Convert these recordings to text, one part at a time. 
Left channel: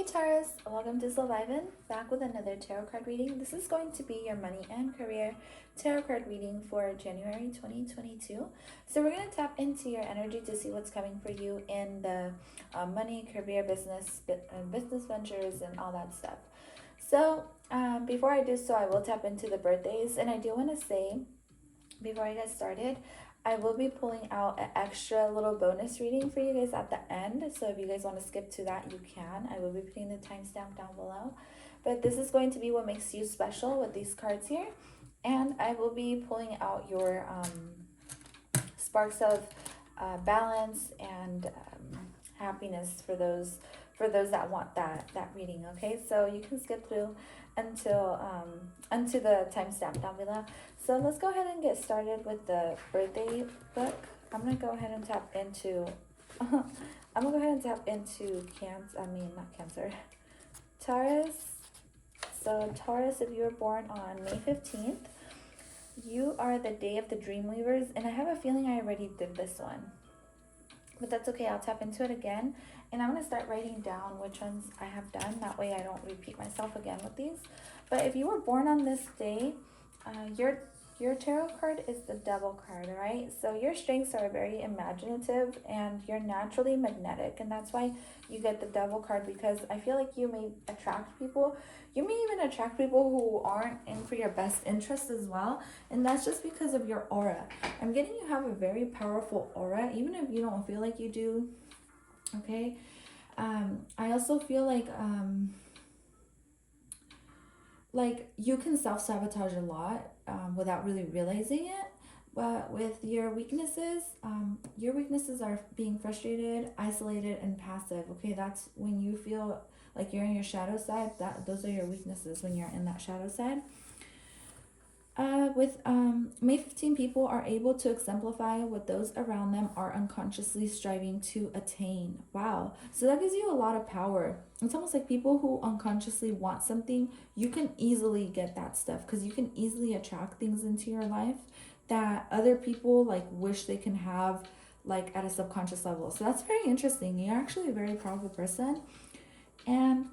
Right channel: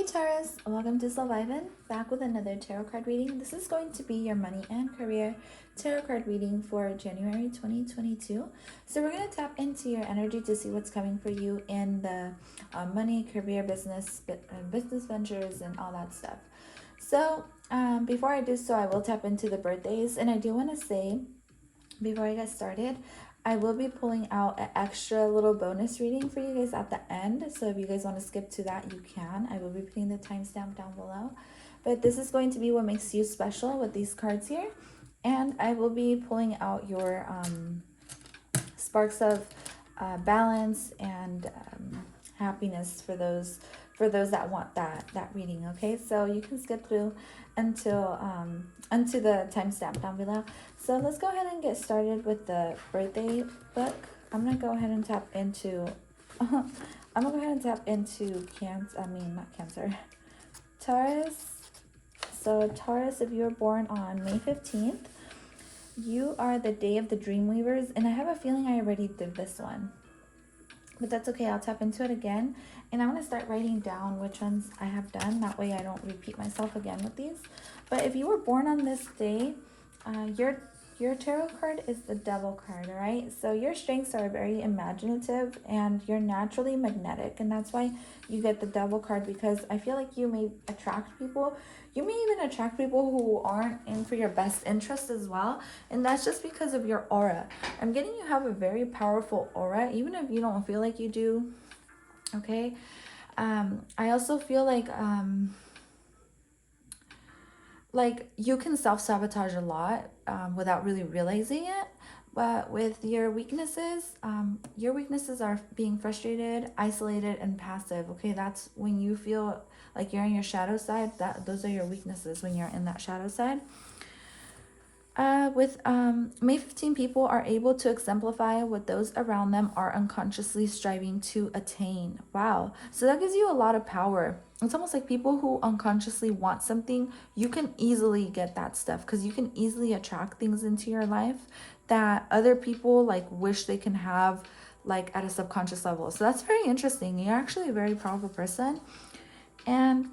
Hey Taurus, welcome to Survivin', back with another tarot card reading. This is going to be your money and career tarot card reading for January 2022. So we're going to tap into your energy to see what's coming for you in the money, career, business ventures, and all that stuff. So before I do so, I will tap into the birthdays, and I do want to say, before I get started, I will be pulling out an extra little bonus reading for you guys at the end. So if you guys want to skip to that, you can. I will be putting the timestamp down below. But this is going to be what makes you special with these cards here. And I will be pulling out your sparks of balance and happiness for those that want that reading. Okay, so you can skip through until the timestamp down below. So let's go ahead and get started with the birthday book. I'm gonna go ahead and tap into Cancer. Taurus. So Taurus, if you were born on May 15th, you are the day of the Dreamweavers, and I have a feeling I already did this one, but that's okay. I'll tap into it again, and I'm gonna start writing down which ones I have done. That way I don't repeat myself again with these. But if you were born on this day, your tarot card is the Devil card, all right? So your strengths are very imaginative, and you're naturally magnetic, and that's why you get the Devil card, because I feel like you may attract people. You may even attract people who aren't in for your best interest as well, and that's just because of your aura. I'm getting you have a very powerful aura, even if you don't feel like you do, okay? I also feel like you can self-sabotage a lot without really realizing it. But with your weaknesses are being frustrated, isolated, and passive. Okay, that's when you feel like you're in your shadow side. Those are your weaknesses when you're in that shadow side. With May 15, people are able to exemplify what those around them are unconsciously striving to attain. Wow. So that gives you a lot of power. It's almost like people who unconsciously want something, you can easily get that stuff, because you can easily attract things into your life that other people like wish they can have, like at a subconscious level. So that's very interesting. You're actually a very powerful person. And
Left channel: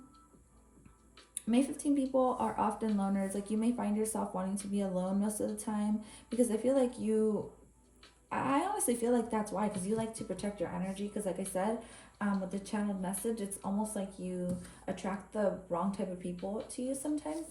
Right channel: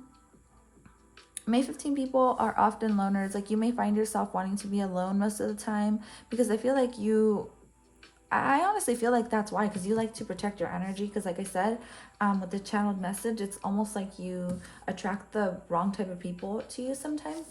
May 15 people are often loners. Like you may find yourself wanting to be alone most of the time, because I feel like I honestly feel like that's why, because you like to protect your energy. Because like I said, with the channeled message, it's almost like you attract the wrong type of people to you sometimes.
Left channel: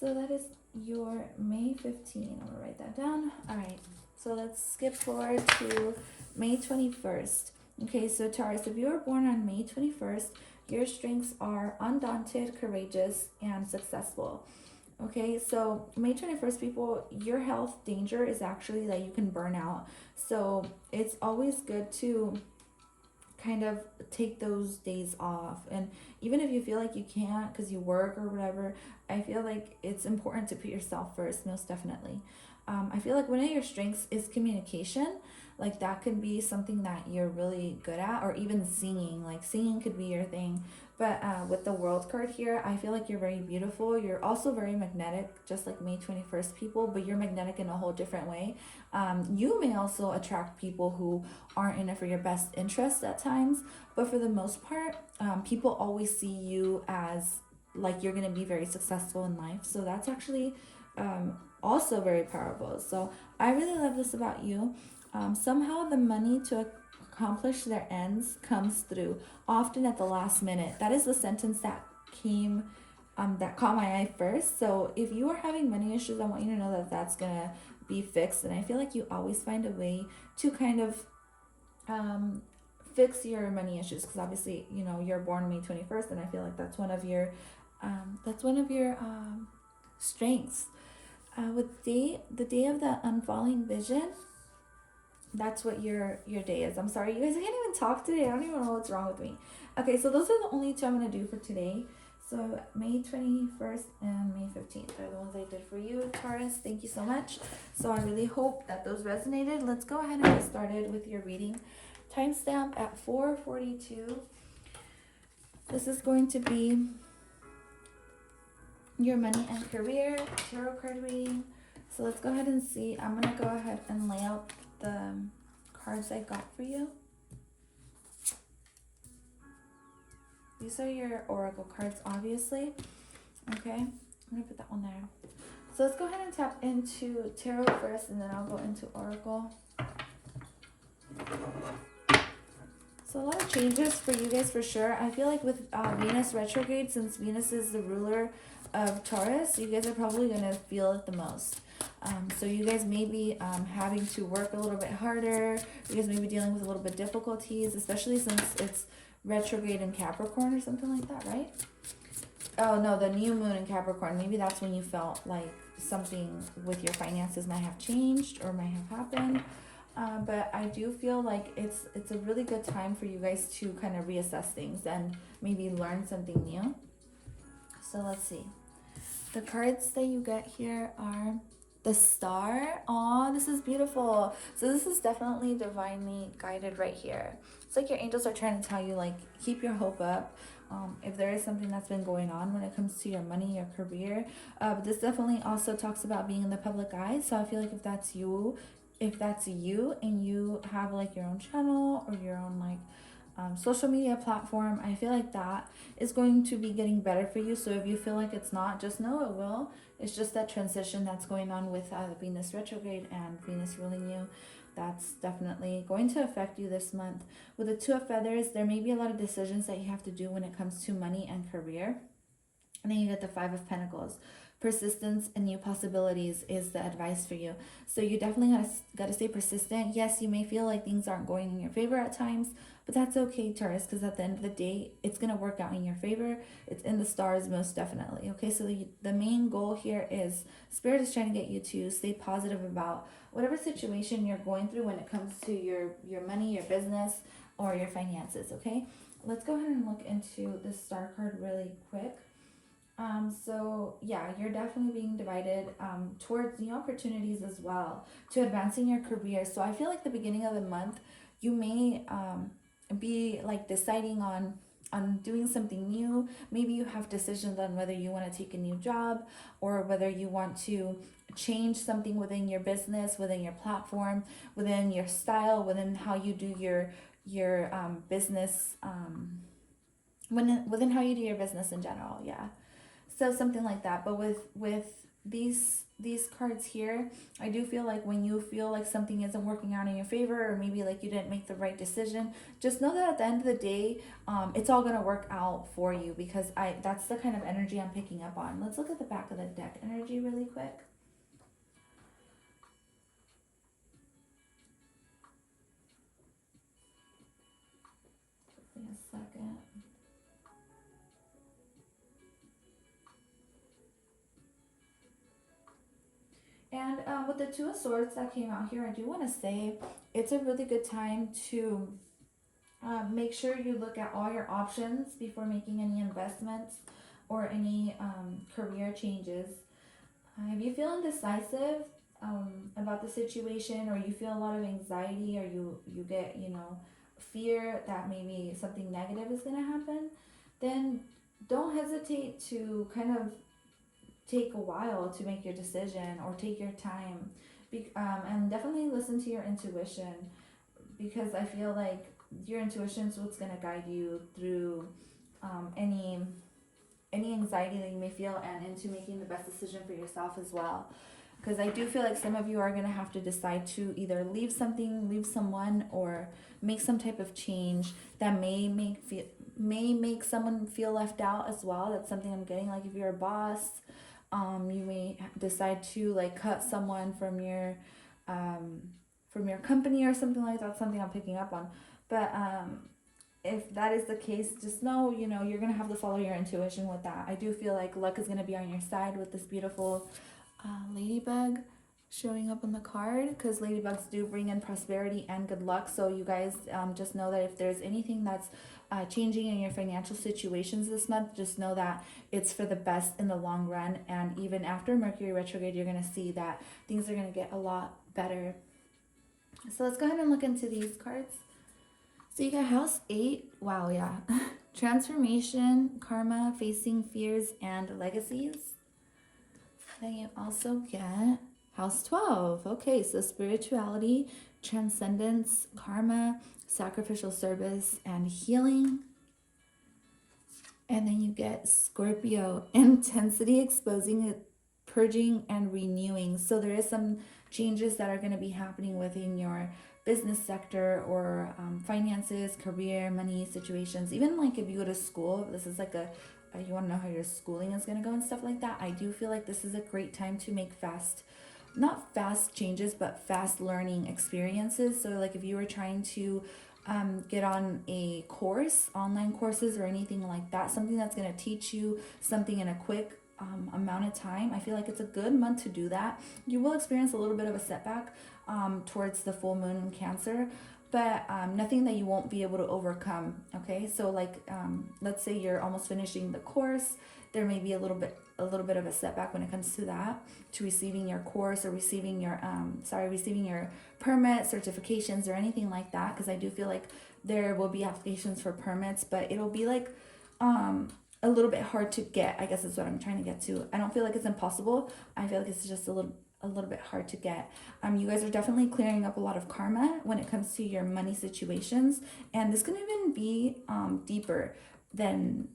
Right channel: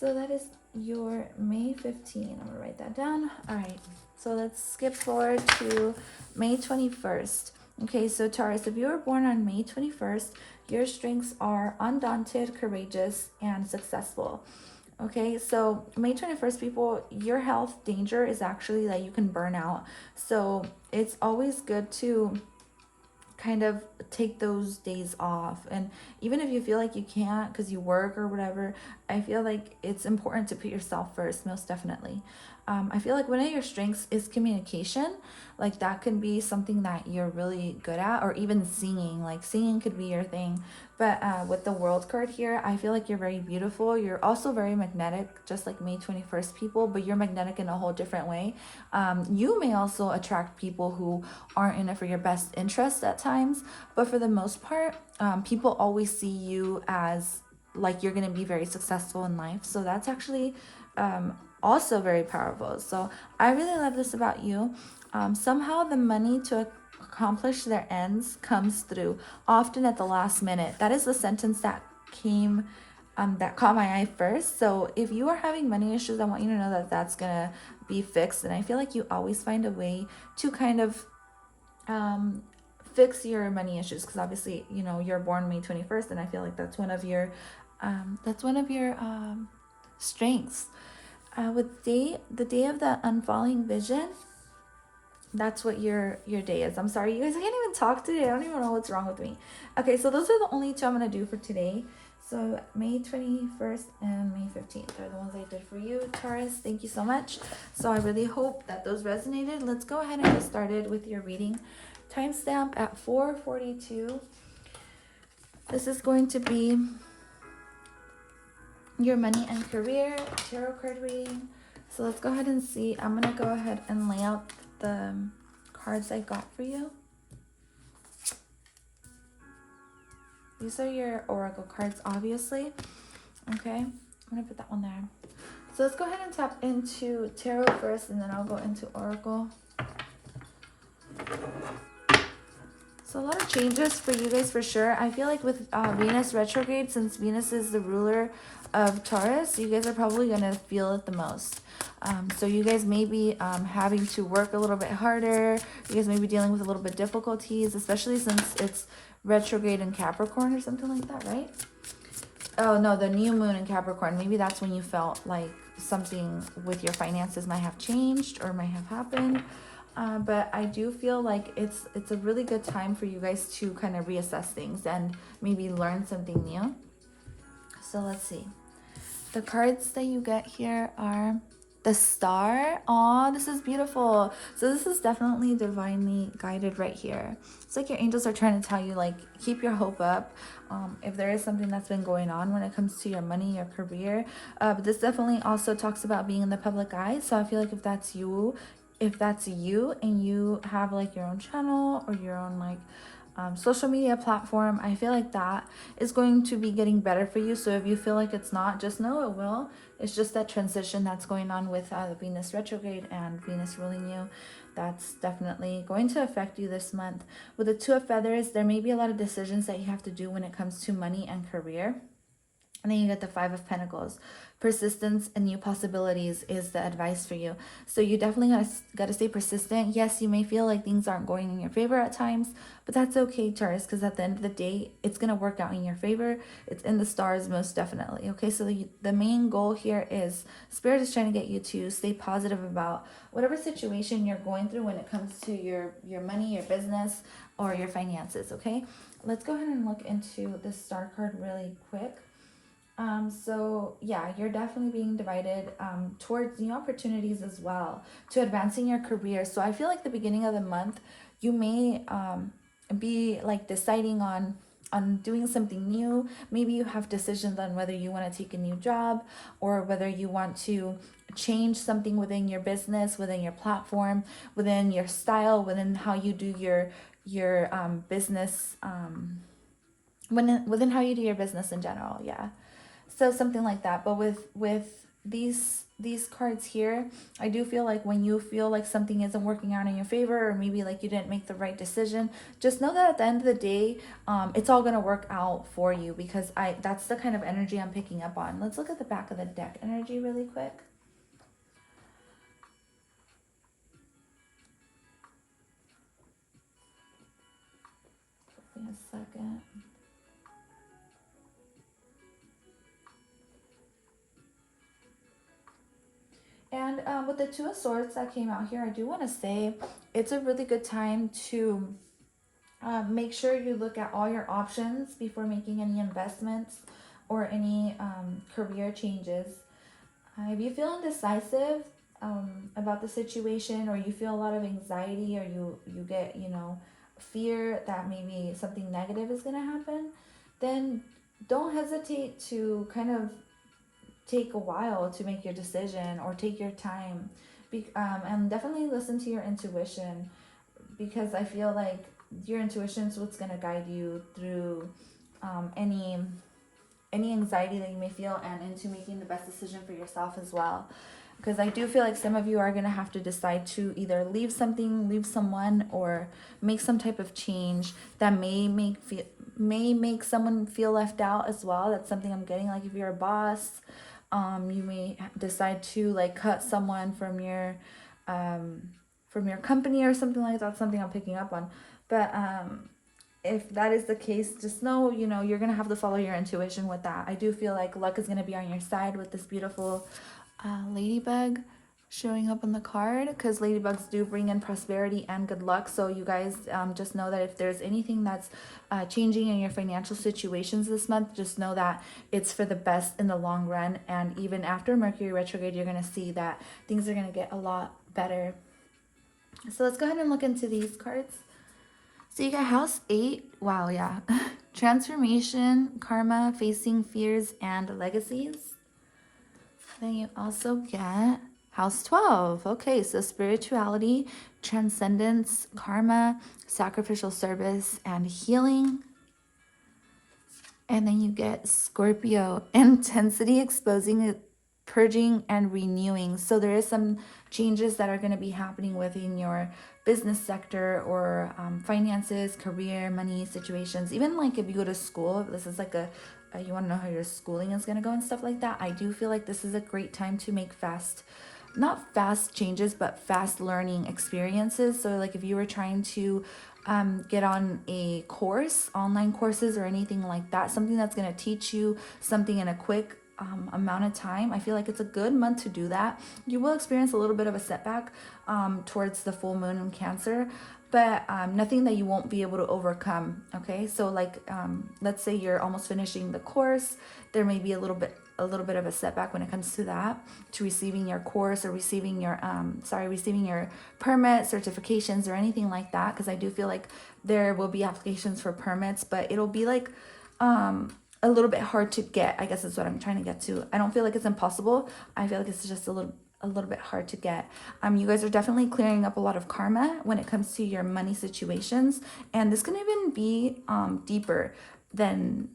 So that is your May 15. I'm gonna write that down. All right, so let's skip forward to May 21st. Okay, so Taurus, if you were born on May 21st, your strengths are undaunted, courageous, and successful. Okay, so May 21st, people, your health danger is actually that you can burn out. So it's always good to kind of take those days off. And even if you feel like you can't because you work or whatever, I feel like it's important to put yourself first, most definitely. I feel like one of your strengths is communication. Like that could be something that you're really good at, or even singing. Like singing could be your thing. But with the World card here, I feel like you're very beautiful. You're also very magnetic, just like May 21st people, but you're magnetic in a whole different way. You may also attract people who aren't in it for your best interest at times, but for the most part, people always see you as like you're going to be very successful in life. So that's actually also very powerful. So I really love this about you. Somehow the money to accomplish their ends comes through, often at the last minute. That is the sentence that came that caught my eye first. So if you are having money issues, I want you to know that that's gonna be fixed. And I feel like you always find a way to kind of fix your money issues, because obviously, you know, you're born May 21st, and I feel like that's one of your strengths. With the day of the unfalling vision, that's what your day is. I'm sorry, you guys, I can't even talk today. I don't even know what's wrong with me. Okay, so those are the only two I'm going to do for today. So May 21st and May 15th are the ones I did for you, Taurus. Thank you so much. So I really hope that those resonated. Let's go ahead and get started with your reading. Timestamp at 4:42. This is going to be your money and career tarot card reading. So let's go ahead and see. I'm going to go ahead and lay out the cards I got for you. These are your oracle cards, obviously. Okay, I'm gonna put that one there. So let's go ahead and tap into tarot first, and then I'll go into oracle. So a lot of changes for you guys for sure. I feel like with Venus retrograde, since Venus is the ruler of Taurus, you guys are probably going to feel it the most. So you guys may be having to work a little bit harder. You guys may be dealing with a little bit difficulties, especially since it's retrograde in Capricorn or something like that, right? Oh, no, the new moon in Capricorn. Maybe that's when you felt like something with your finances might have changed or might have happened. But I do feel like it's a really good time for you guys to kind of reassess things and maybe learn something new. So let's see. The cards that you get here are the Star. Aw, this is beautiful. So this is definitely divinely guided right here. It's like your angels are trying to tell you, like, keep your hope up. If there is something that's been going on when it comes to your money, your career. But this definitely also talks about being in the public eye. So I feel like if that's you and you have like your own channel or your own like social media platform, I feel like that is going to be getting better for you. So if you feel like it's not, just know it will. It's just that transition that's going on with Venus retrograde and Venus ruling you. That's definitely going to affect you this month. With the Two of Feathers, there may be a lot of decisions that you have to do when it comes to money and career. And then you get the Five of Pentacles. Persistence and new possibilities is the advice for you. So you definitely got to stay persistent. Yes, you may feel like things aren't going in your favor at times, but that's okay, Taurus, because at the end of the day, it's going to work out in your favor. It's in the stars most definitely. Okay, so the main goal here is Spirit is trying to get you to stay positive about whatever situation you're going through when it comes to your money, your business, or your finances, okay? Let's go ahead and look into this Star card really quick. So yeah, you're definitely being divided towards new opportunities as well, to advancing your career. So I feel like the beginning of the month, you may be like deciding on doing something new. Maybe you have decisions on whether you want to take a new job or whether you want to change something within your business, within your platform, within your style, within how you do your business, within how you do your business in general. Yeah. So something like that. But with these cards here, I do feel like when you feel like something isn't working out in your favor, or maybe like you didn't make the right decision, just know that at the end of the day, it's all going to work out for you, because that's the kind of energy I'm picking up on. Let's look at the back of the deck energy really quick. Give me a second. And with the Two of Swords that came out here, I do want to say it's a really good time to make sure you look at all your options before making any investments or any career changes. If you feel indecisive about the situation, or you feel a lot of anxiety, or you get, fear that maybe something negative is going to happen, then don't hesitate to kind of take a while to make your decision, or take your time, and definitely listen to your intuition, because I feel like your intuition is what's going to guide you through any anxiety that you may feel, and into making the best decision for yourself as well. Because I do feel like some of you are going to have to decide to either leave something, leave someone, or make some type of change that may make someone feel left out as well. That's something I'm getting. Like if you're a boss, you may decide to like cut someone from your company or something like that. Something I'm picking up on. But if that is the case, just know, you're going to have to follow your intuition with that. I do feel like luck is going to be on your side with this beautiful ladybug showing up on the card, because ladybugs do bring in prosperity and good luck. So you guys just know that if there's anything that's changing in your financial situations this month, just know that it's for the best in the long run. And even after Mercury retrograde, you're going to see that things are going to get a lot better. So let's go ahead and look into these cards. So you got House 8. Wow, yeah. Transformation, karma, facing fears, and legacies. Then you also get House 12. Okay, so spirituality, transcendence, karma, sacrificial service, and healing. And then you get Scorpio, intensity, exposing, purging, and renewing. So there is some changes that are going to be happening within your business sector or finances, career, money situations. Even like if you go to school, this is like you want to know how your schooling is going to go and stuff like that. I do feel like this is a great time to make not fast changes, but fast learning experiences. So like if you were trying to get on a course, online courses or anything like that, something that's going to teach you something in a quick amount of time, I feel like it's a good month to do that. You will experience a little bit of a setback towards the full moon in Cancer, but nothing that you won't be able to overcome. Okay, so like let's say you're almost finishing the course, there may be a little bit of a setback when it comes to that, to receiving your course or receiving your receiving your permit, certifications, or anything like that, because I do feel like there will be applications for permits, but it'll be like a little bit hard to get, I guess is what I'm trying to get to. I don't feel like it's impossible. I feel like it's just a little bit hard to get. You guys are definitely clearing up a lot of karma when it comes to your money situations, and this can even be deeper than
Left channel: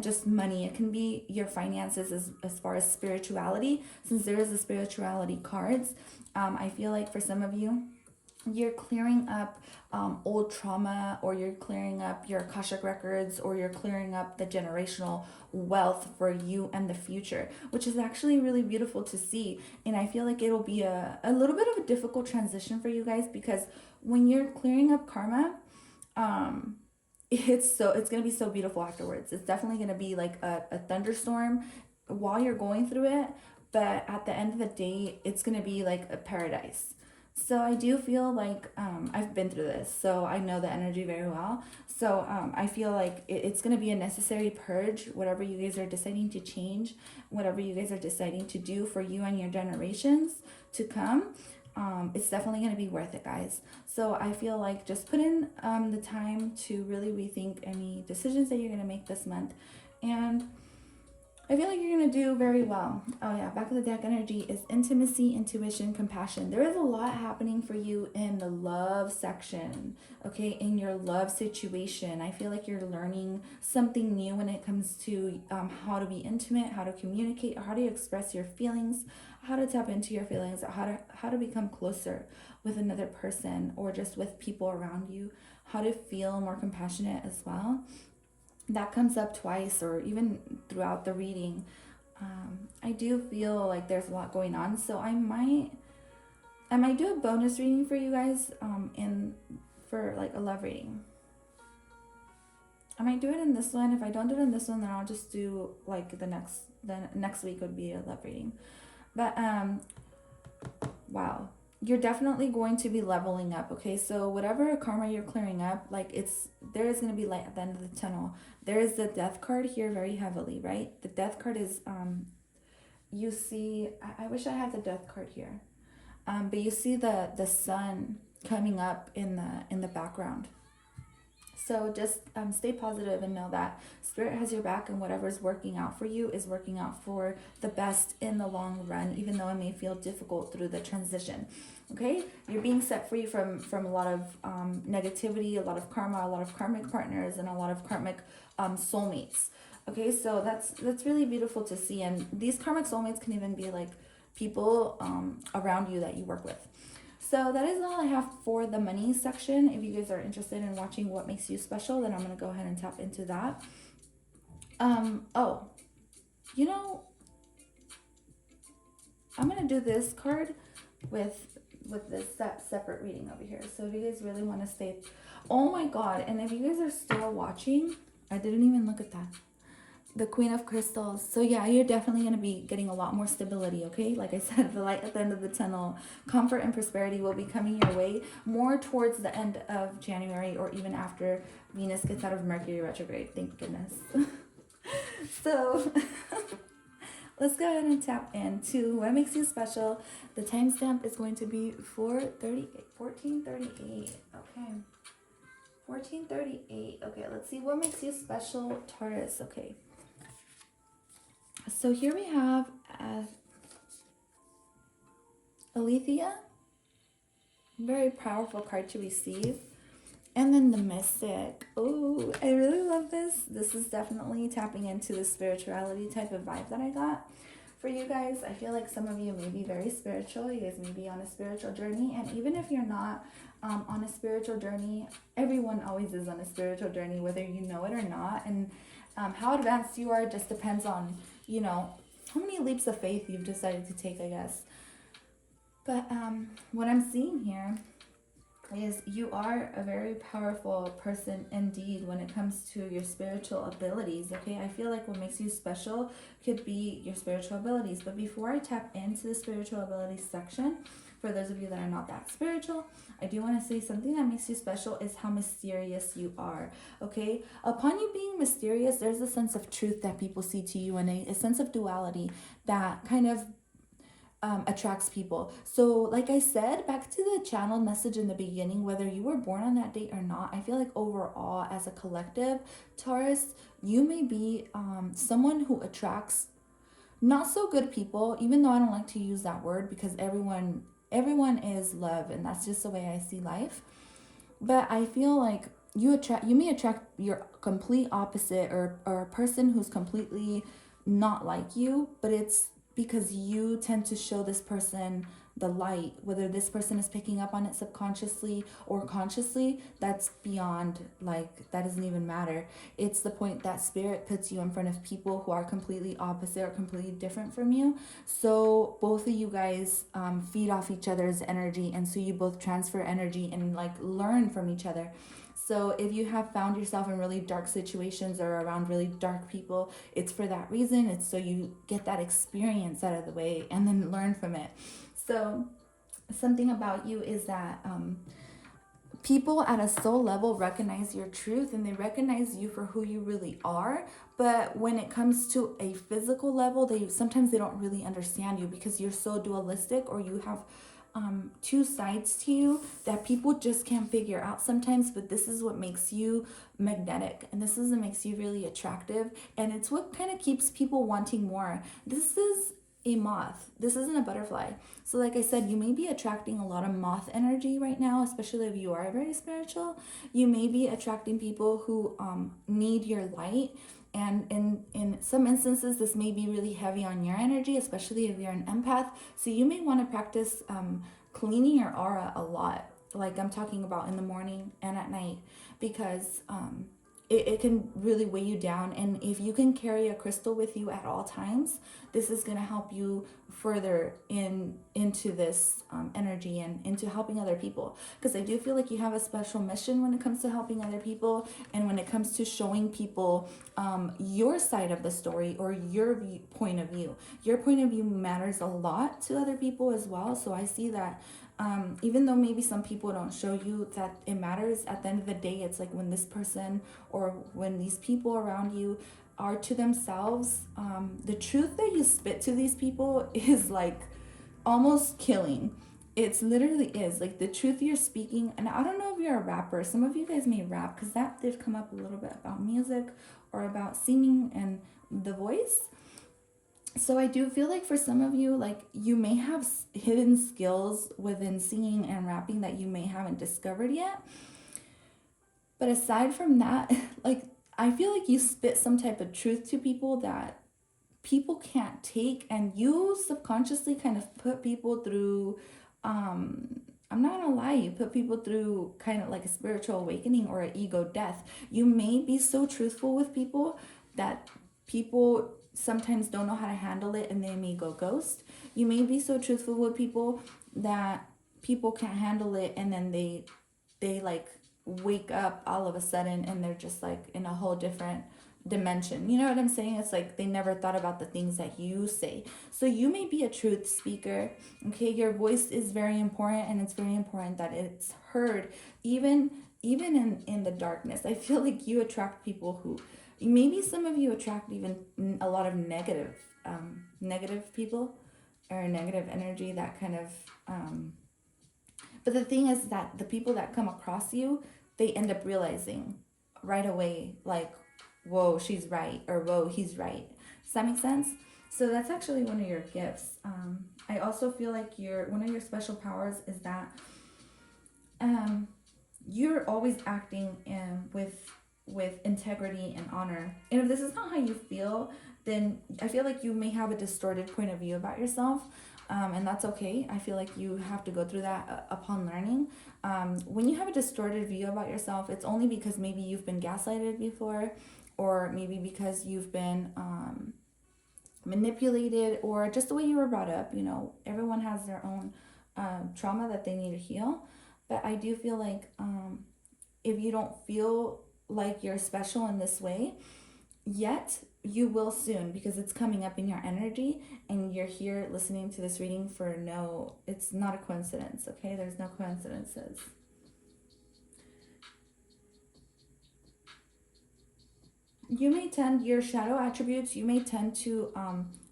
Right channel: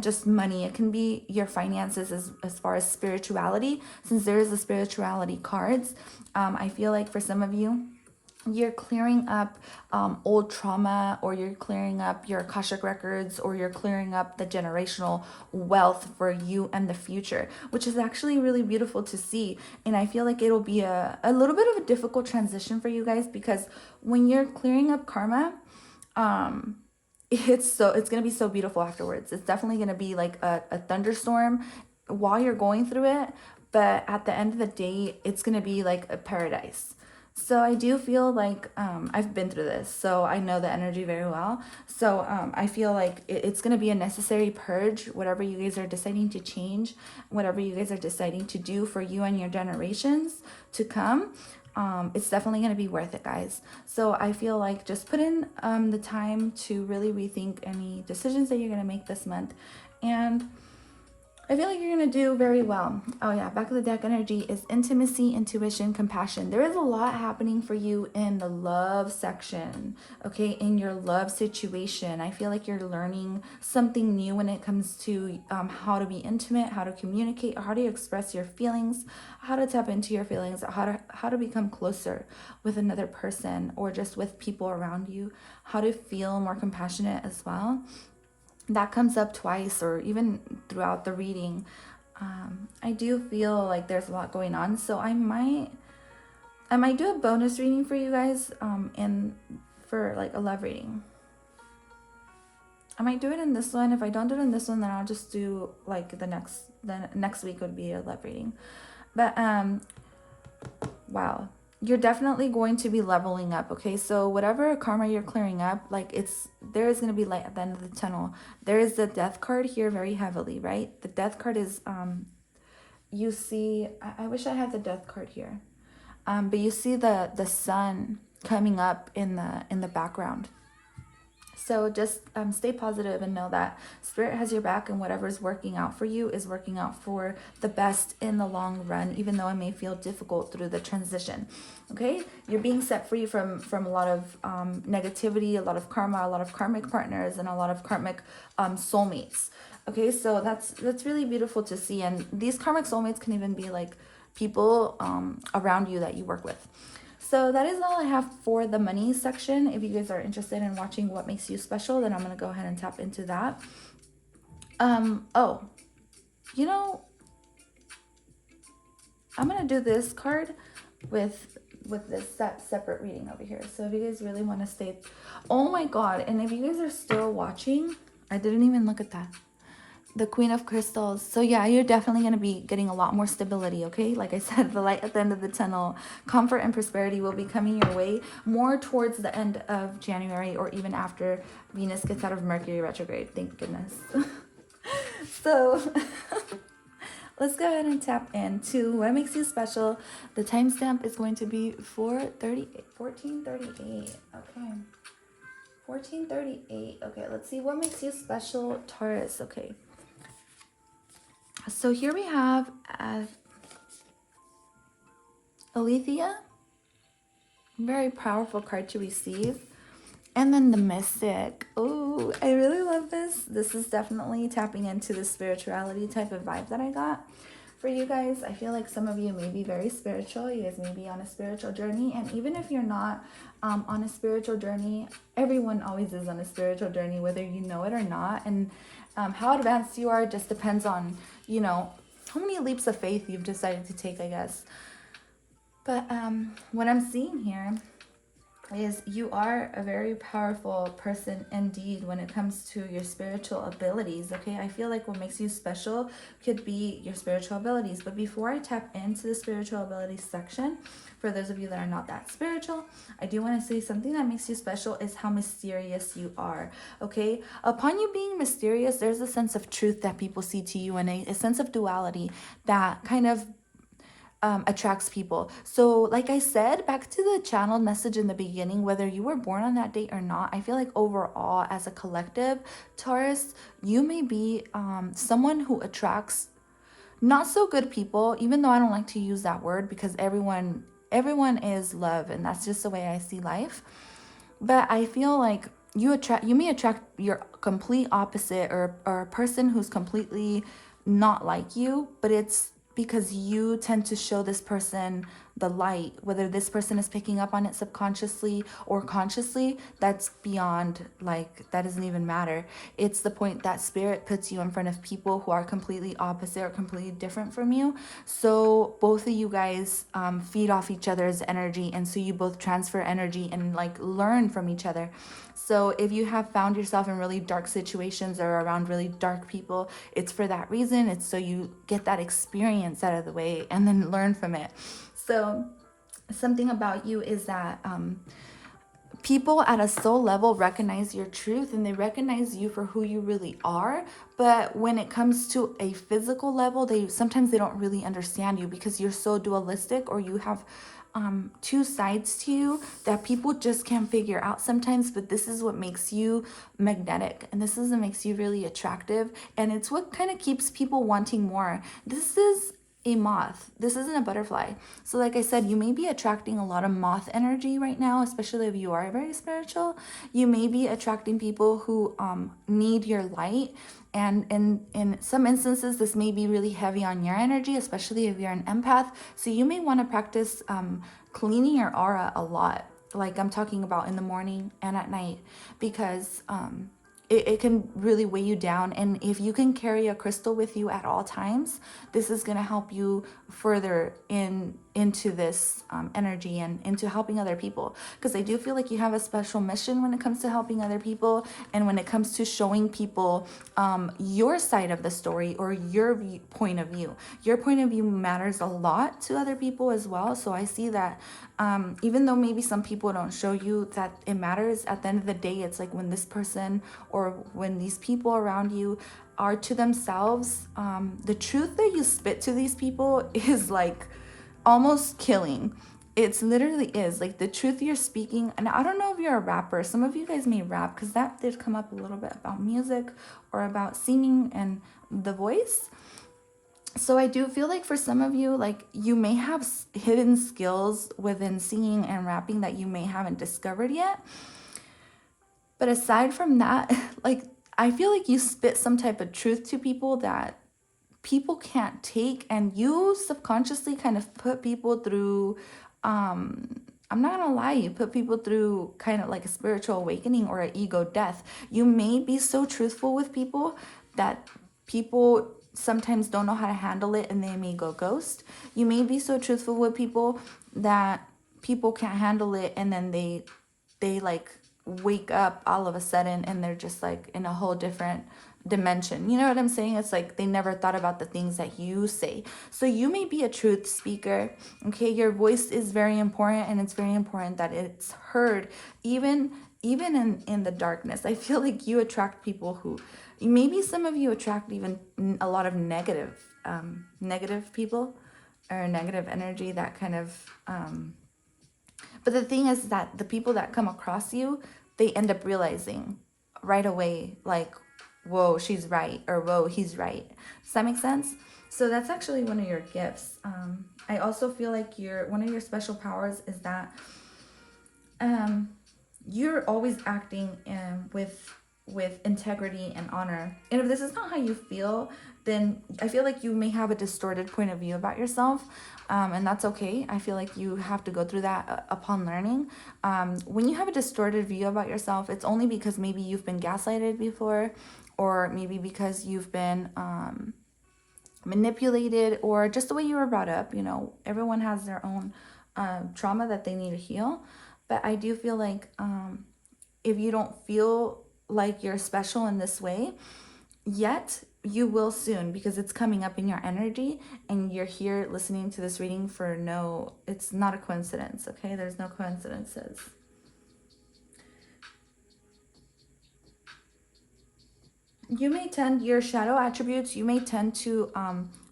just money. It can be your finances as far as spirituality, since there is the spirituality cards. I feel like for some of you, you're clearing up old trauma, or you're clearing up your Akashic records, or you're clearing up the generational wealth for you and the future, which is actually really beautiful to see. And I feel like it'll be a little bit of a difficult transition for you guys, because when you're clearing up karma, it's gonna be so beautiful afterwards. It's definitely gonna be like a thunderstorm while you're going through it, but at the end of the day, it's gonna be like a paradise. So I do feel like I've been through this, so I know the energy very well. So I feel like it's gonna be a necessary purge, whatever you guys are deciding to change, whatever you guys are deciding to do for you and your generations to come. It's definitely going to be worth it, guys. So I feel like just put in the time to really rethink any decisions that you're going to make this month, and I feel like you're going to do very well. Oh yeah, back of the deck energy is intimacy, intuition, compassion. There is a lot happening for you in the love section, okay? In your love situation, I feel like you're learning something new when it comes to how to be intimate, how to communicate, how to express your feelings, how to tap into your feelings, how to become closer with another person, or just with people around you, how to feel more compassionate as well. That comes up twice, or even throughout the reading. I do feel like there's a lot going on, so I might do a bonus reading for you guys, and for like a love reading. I might do it in this one. If I don't do it in this one, then I'll just do like the next week would be a love reading. But wow, you're definitely going to be leveling up, okay? So whatever karma you're clearing up, like there is going to be light at the end of the tunnel. There is the death card here very heavily, right? The death card is you see, I wish I had the death card here, but you see the sun coming up in the background. So just stay positive and know that Spirit has your back, and whatever's working out for you is working out for the best in the long run, even though it may feel difficult through the transition. Okay, you're being set free from a lot of negativity, a lot of karma, a lot of karmic partners, and a lot of karmic soulmates. Okay, so that's really beautiful to see. And these karmic soulmates can even be like people around you that you work with. So that is all I have for the money section. If you guys are interested in watching what makes you special, then I'm going to go ahead and tap into that. Oh, you know, I'm going to do this card with this separate reading over here. So if you guys really want to stay, oh my God. And if you guys are still watching, I didn't even look at that. The Queen of Crystals. So yeah, you're definitely going to be getting a lot more stability, okay? Like I said, the light at the end of the tunnel, comfort and prosperity will be coming your way more towards the end of January, or even after Venus gets out of Mercury retrograde. Thank goodness. So let's go ahead and tap into what makes you special. The timestamp is going to be 1438. Okay. 1438. Okay, let's see what makes you special, Taurus. Okay. So here we have Alethea. Very powerful card to receive. And then the mystic. Ooh, I really love this. This is definitely tapping into the spirituality type of vibe that I got for you guys. I feel like some of you may be very spiritual. You guys may be on a spiritual journey. And even if you're not on a spiritual journey, everyone always is on a spiritual journey, whether you know it or not. And how advanced you are just depends on, you know, how many leaps of faith you've decided to take, I guess. But what I'm seeing here is you are a very powerful person indeed when it comes to your spiritual abilities. Okay, I feel like what makes you special could be your spiritual abilities. But before I tap into the spiritual abilities section, for those of you that are not that spiritual, I do want to say something that makes you special is how mysterious you are. Okay, upon you being mysterious, there's a sense of truth that people see to you, and a sense of duality that kind of attracts people. So like I said, back to the channeled message in the beginning, whether you were born on that date or not, I feel like overall as a collective, Taurus, you may be someone who attracts not so good people, even though I don't like to use that word because everyone is love, and that's just the way I see life. But I feel like you may attract your complete opposite, or a person who's completely not like you, but it's because you tend to show this person the light. Whether this person is picking up on it subconsciously or consciously, that's beyond, like, that doesn't even matter. It's the point that spirit puts you in front of people who are completely opposite or completely different from you, so both of you guys feed off each other's energy, and so you both transfer energy and like learn from each other. So if you have found yourself in really dark situations or around really dark people, it's for that reason. It's so you get that experience out of the way and then learn from it. So something about you is that people at a soul level recognize your truth, and they recognize you for who you really are. But when it comes to a physical level, they don't really understand you because you're so dualistic, or you have two sides to you that people just can't figure out sometimes. But this is what makes you magnetic, and this is what makes you really attractive, and it's what kind of keeps people wanting more. This is a moth. This isn't a butterfly. So like I said, you may be attracting a lot of moth energy right now, especially if you are very spiritual. You may be attracting people who need your light. And in some instances, this may be really heavy on your energy, especially if you're an empath. So you may want to practice cleaning your aura a lot. Like I'm talking about in the morning and at night, because it can really weigh you down. And if you can carry a crystal with you at all times, this is going to help you further into this energy and into helping other people, because I do feel like you have a special mission when it comes to helping other people, and when it comes to showing people your side of the story, or your point of view. Your point of view matters a lot to other people as well. So I see that even though maybe some people don't show you that it matters, at the end of the day, it's like when this person or when these people around you are to themselves, the truth that you spit to these people is like almost killing. It's literally is like the truth you're speaking. And I don't know if you're a rapper. Some of you guys may rap, because that did come up a little bit about music or about singing and the voice. So I do feel like for some of you, like you may have hidden skills within singing and rapping that you may haven't discovered yet. But aside from that, like I feel like you spit some type of truth to people that people can't take, and you subconsciously kind of put people through I'm not gonna lie, you put people through kind of like a spiritual awakening or an ego death. You may be so truthful with people that people sometimes don't know how to handle it, and they may go ghost. You may be so truthful with people that people can't handle it, and then they like wake up all of a sudden and they're just like in a whole different dimension. You know what I'm saying? It's like they never thought about the things that you say. So you may be a truth speaker. Okay, your voice is very important, and it's very important that it's heard even in the darkness. I feel like you attract people who, maybe some of you attract even a lot of negative people, or negative energy, that kind of but the thing is that the people that come across you, they end up realizing right away, like, whoa, she's right, or whoa, he's right. Does that make sense? So that's actually one of your gifts. I also feel like one of your special powers is that you're always acting with integrity and honor. And if this is not how you feel, then I feel like you may have a distorted point of view about yourself. And that's okay. I feel like you have to go through that upon learning. When you have a distorted view about yourself, it's only because maybe you've been gaslighted before, or maybe because you've been manipulated, or just the way you were brought up. You know, everyone has their own trauma that they need to heal. But I do feel like if you don't feel like you're special in this way yet, you will soon, because it's coming up in your energy, and you're here listening to this reading for no, it's not a coincidence, okay? There's no coincidences. You may tend, your shadow attributes, you may tend to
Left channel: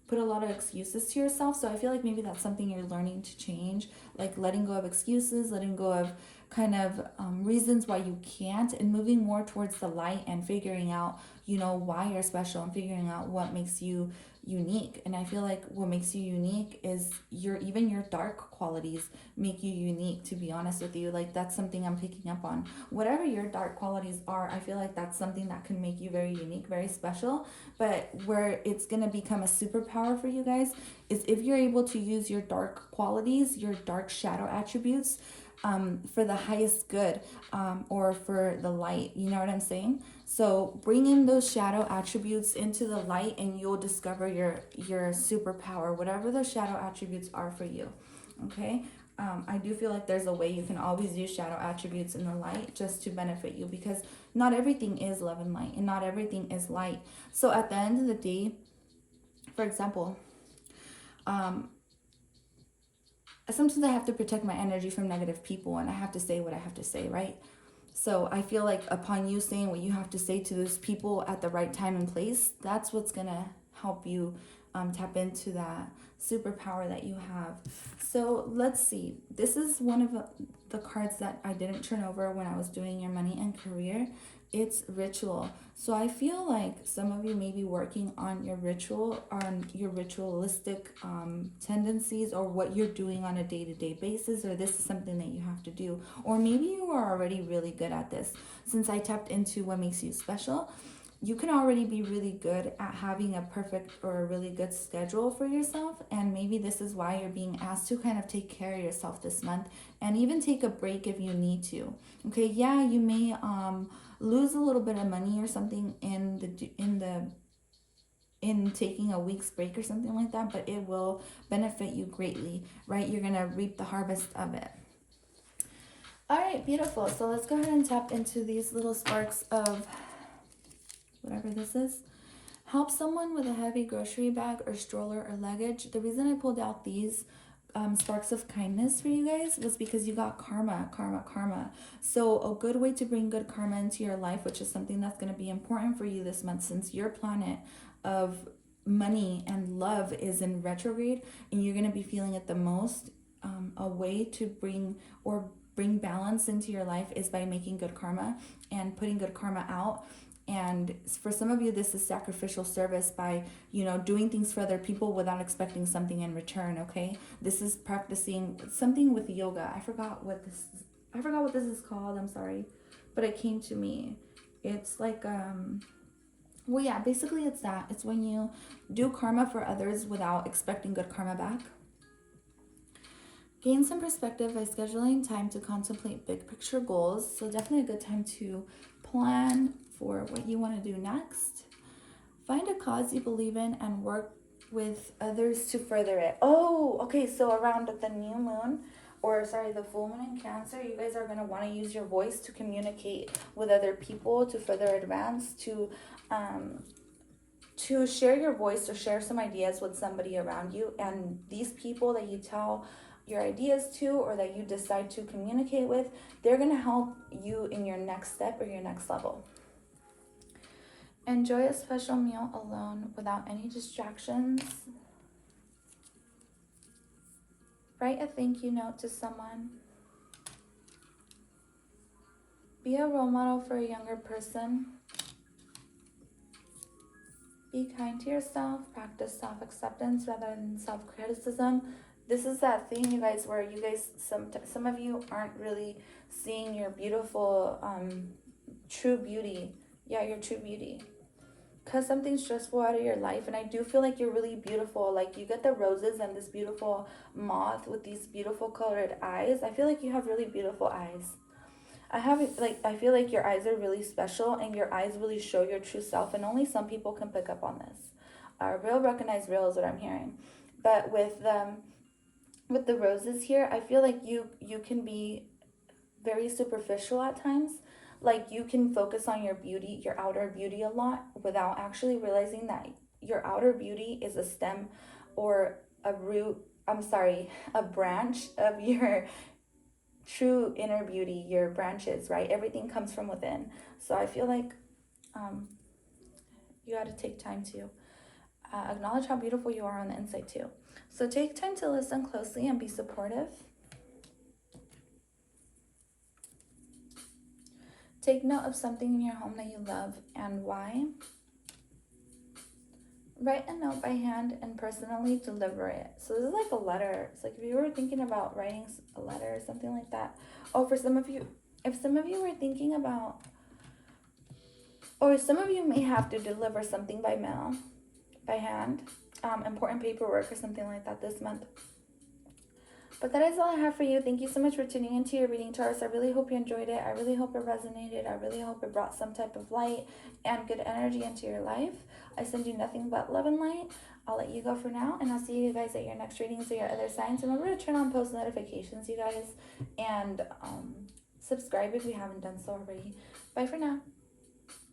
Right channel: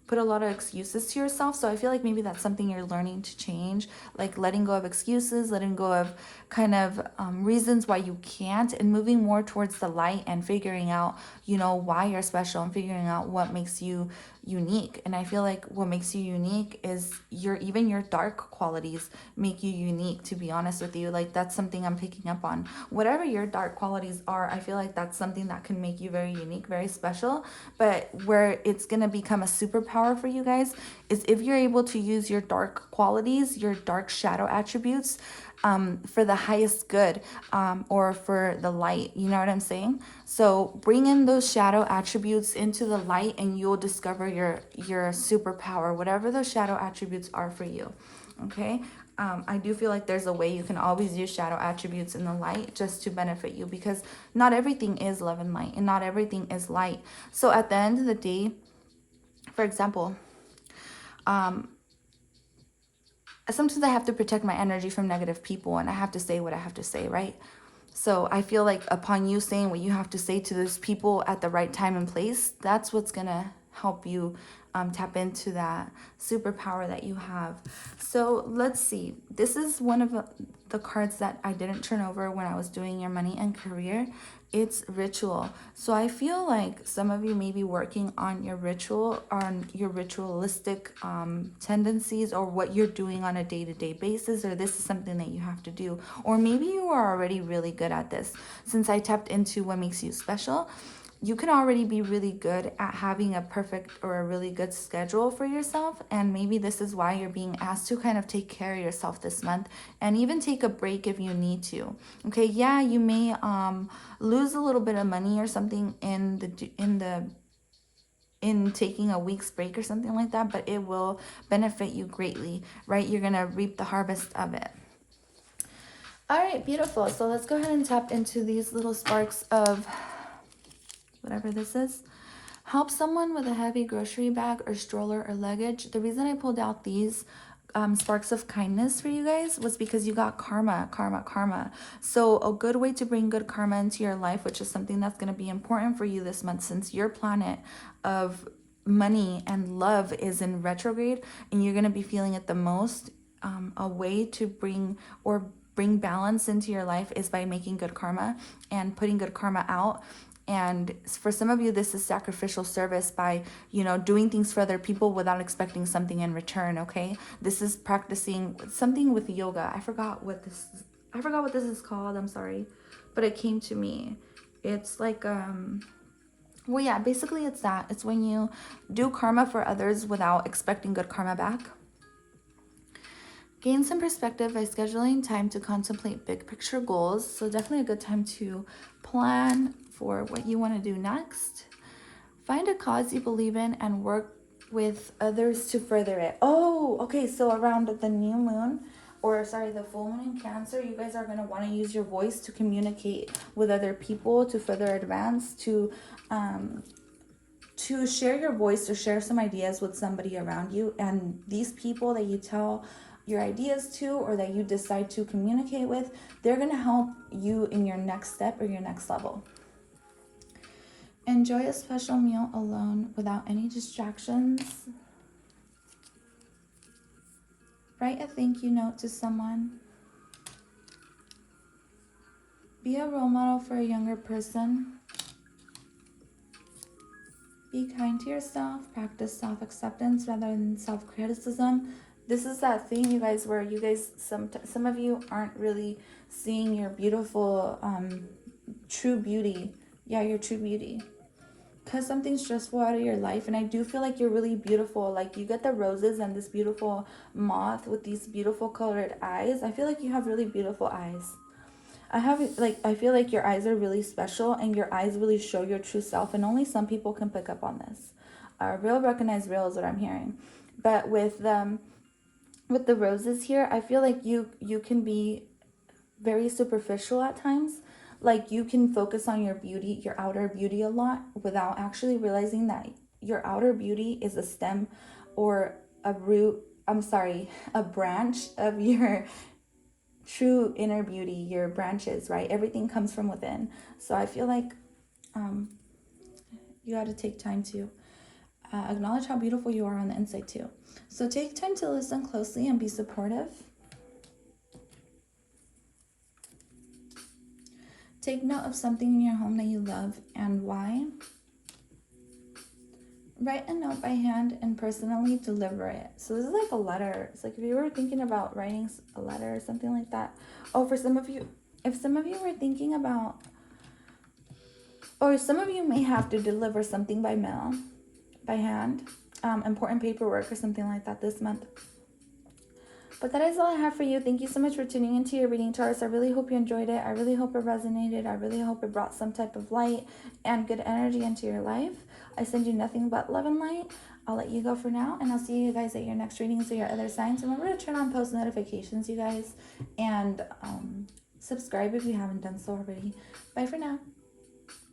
put a lot of excuses to yourself. So I feel like maybe that's something you're learning to change, like letting go of excuses, letting go of kind of reasons why you can't, and moving more towards the light and figuring out, you know, why you're special, and figuring out what makes you unique. And I feel like what makes you unique is even your dark qualities make you unique, to be honest with you. Like, that's something I'm picking up on. Whatever your dark qualities are, I feel like that's something that can make you very unique, very special. But where it's going to become a superpower for you guys is if you're able to use your dark qualities, your dark shadow attributes, for the highest good, or for the light. You know what I'm saying? So bring in those shadow attributes into the light, and you'll discover your superpower, whatever those shadow attributes are for you. Okay? I do feel like there's a way you can always use shadow attributes in the light just to benefit you, because not everything is love and light, and not everything is light. So at the end of the day, for example, sometimes I have to protect my energy from negative people, and I have to say what I have to say, right? So I feel like upon you saying what you have to say to those people at the right time and place, that's what's gonna help you tap into that superpower that you have. So let's see. This is one of the cards that I didn't turn over when I was doing your money and career. It's ritual. So I feel like some of you may be working on your ritualistic tendencies, or what you're doing on a day-to-day basis, or this is something that you have to do. Or maybe you are already really good at this. Since I tapped into what makes you special, you can already be really good at having a perfect or a really good schedule for yourself. And maybe this is why you're being asked to kind of take care of yourself this month, and even take a break if you need to. Okay, yeah, you may lose a little bit of money or something in taking a week's break or something like that, but it will benefit you greatly, right? You're gonna reap the harvest of it. All right, beautiful. So let's go ahead and tap into these little sparks of whatever this is. Help someone with a heavy grocery bag or stroller or luggage. The reason I pulled out these sparks of kindness for you guys was because you got karma, karma, karma. So a good way to bring good karma into your life, which is something that's going to be important for you this month, since your planet of money and love is in retrograde, and you're going to be feeling it the most. A way to bring balance into your life is by making good karma and putting good karma out. And for some of you, this is sacrificial service by, you know, doing things for other people without expecting something in return, okay? This is practicing something with yoga. I forgot what this is called. I'm sorry. But it came to me. It's like well, yeah, basically it's that. It's when you do karma for others without expecting good karma back. Gain some perspective by scheduling time to contemplate big picture goals. So definitely a good time to plan for what you want to do next. Find a cause you believe in and work with others to further it. Oh, okay. So around the new moon, or sorry, the full moon in Cancer, you guys are going to want to use your voice to communicate with other people, to further advance, to share your voice, or share some ideas with somebody around you. And these people that you tell your ideas to, or that you decide to communicate with, they're going to help you in your next step or your next level. Enjoy a special meal alone without any distractions. Write a thank you note to someone. Be a role model for a younger person. Be kind to yourself. Practice self-acceptance rather than self-criticism. This is that thing, you guys, where you guys, some of you aren't really seeing your beautiful, true beauty. Yeah, your true beauty. Because something's stressful out of your life, and I do feel like you're really beautiful. Like, you get the roses and this beautiful moth with these beautiful colored eyes. I feel like you have really beautiful eyes. I feel like your eyes are really special, and your eyes really show your true self, and only some people can pick up on this. Real recognize real is what I'm hearing. But with the roses here, I feel like you can be very superficial at times. Like, you can focus on your beauty, your outer beauty a lot, without actually realizing that your outer beauty is a stem or a root, I'm sorry, a branch of your true inner beauty, your branches, right? Everything comes from within. So I feel like um, you got to take time to acknowledge how beautiful you are on the inside too. So take time to listen closely and be supportive. Take note of something in your home that you love and why. Write a note by hand and personally deliver it. So this is like a letter. It's like if you were thinking about writing a letter or something like that. Oh, for some of you, if some of you were thinking about, or some of you may have to deliver something by mail, by hand, important paperwork or something like that this month. But that is all I have for you. Thank you so much for tuning into your reading, Taurus. I really hope you enjoyed it. I really hope it resonated. I really hope it brought some type of light and good energy into your life. I send you nothing but love and light. I'll let you go for now, and I'll see you guys at your next readings or your other signs. Remember to turn on post notifications, you guys, and subscribe if you haven't done so already. Bye for now.